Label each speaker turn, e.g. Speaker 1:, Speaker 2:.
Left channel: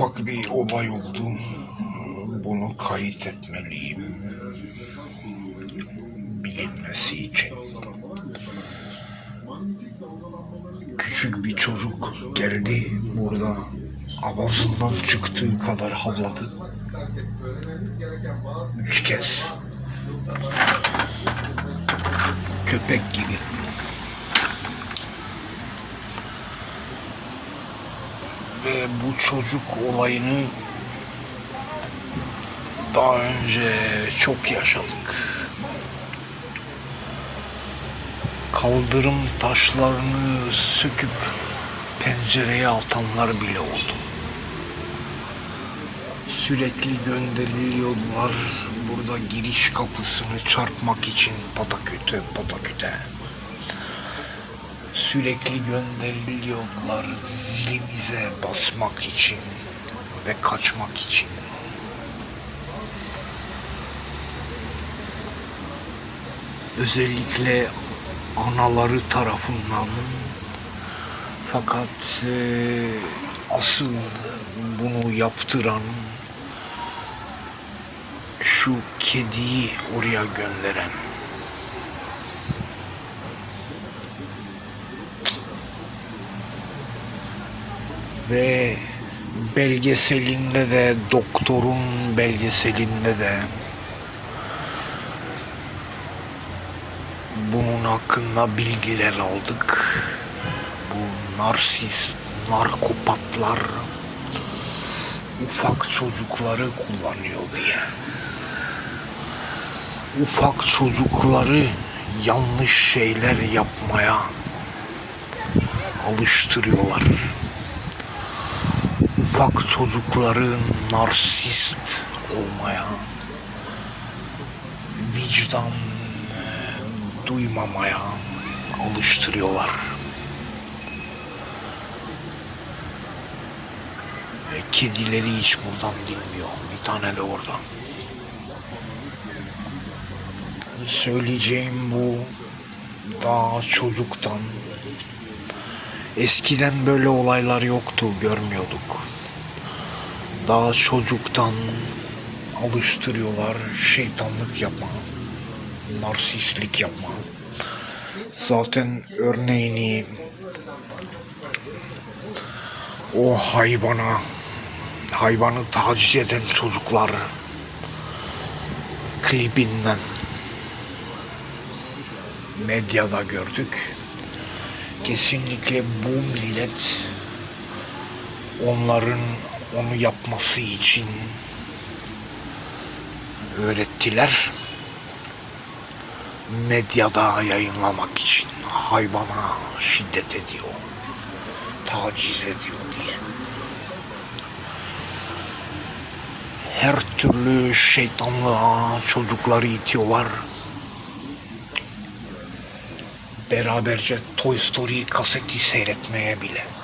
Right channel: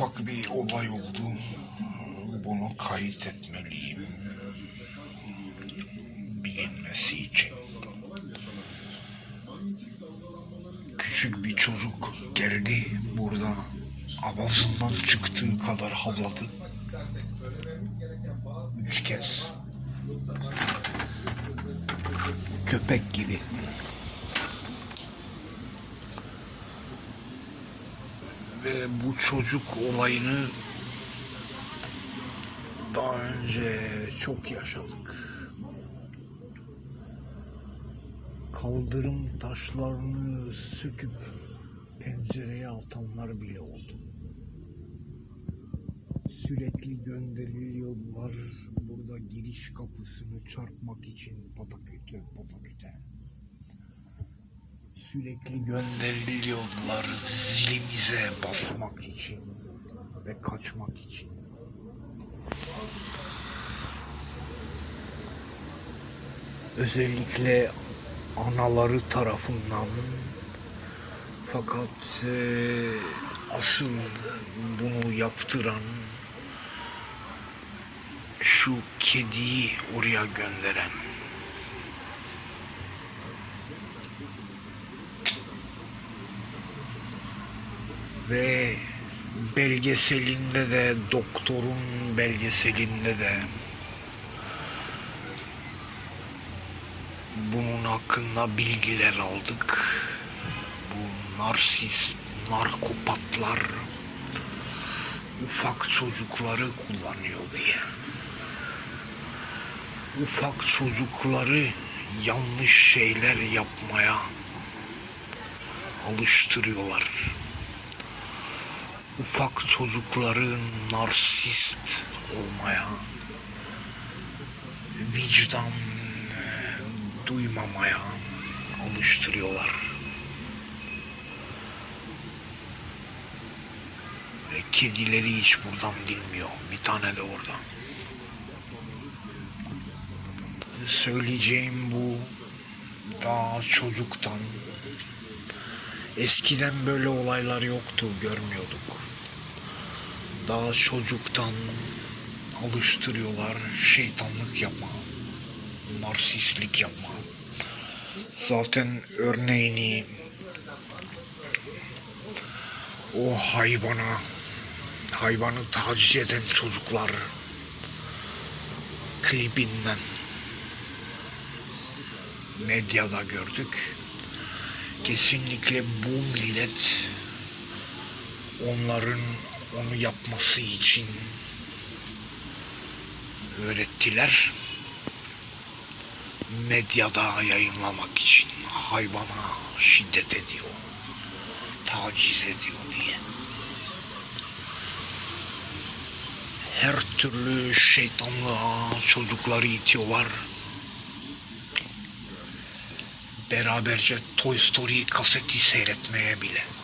Speaker 1: ufak bir olay oldu. Bunu kayıt etmeliyim. Bilinmesi için. Küçük bir çocuk geldi burada avazından çıktığı kadar havladı. Üç kez. Köpek gibi. Ve bu çocuk olayını daha önce çok yaşadık. Kaldırım taşlarını söküp pencereye atanlar bile oldu. Sürekli gönderiliyorlar burada giriş kapısını çarpmak için pataküte pataküte. Sürekli gönderiliyorlar zilimize basmak için ve kaçmak için. Özellikle anaları tarafından fakat e, asıl bunu yaptıran şu kediyi oraya gönderen ve belgeselinde de doktorun belgeselinde de bunun hakkında bilgiler aldık. Bu narsist, narkopatlar ufak çocukları kullanıyor diye. Ufak çocukları yanlış şeyler yapmaya alıştırıyorlar. Ufak çocukları narsist olmaya, vicdan duymamaya alıştırıyorlar. Ve kedileri hiç buradan dinmiyor. Bir tane de orada. Söyleyeceğim bu daha çocuktan. Eskiden böyle olaylar yoktu, görmüyorduk. Daha çocuktan alıştırıyorlar şeytanlık yapma, narsistlik yapma. Zaten örneğini o hayvana, hayvanı taciz eden çocuklar klibinden medyada gördük. Kesinlikle bu millet onların onu yapması için öğrettiler. Medyada yayınlamak için hayvana şiddet ediyor, taciz ediyor diye. Her türlü şeytanlığa çocukları itiyorlar. Beraberce Toy Story kaseti seyretmeye bile.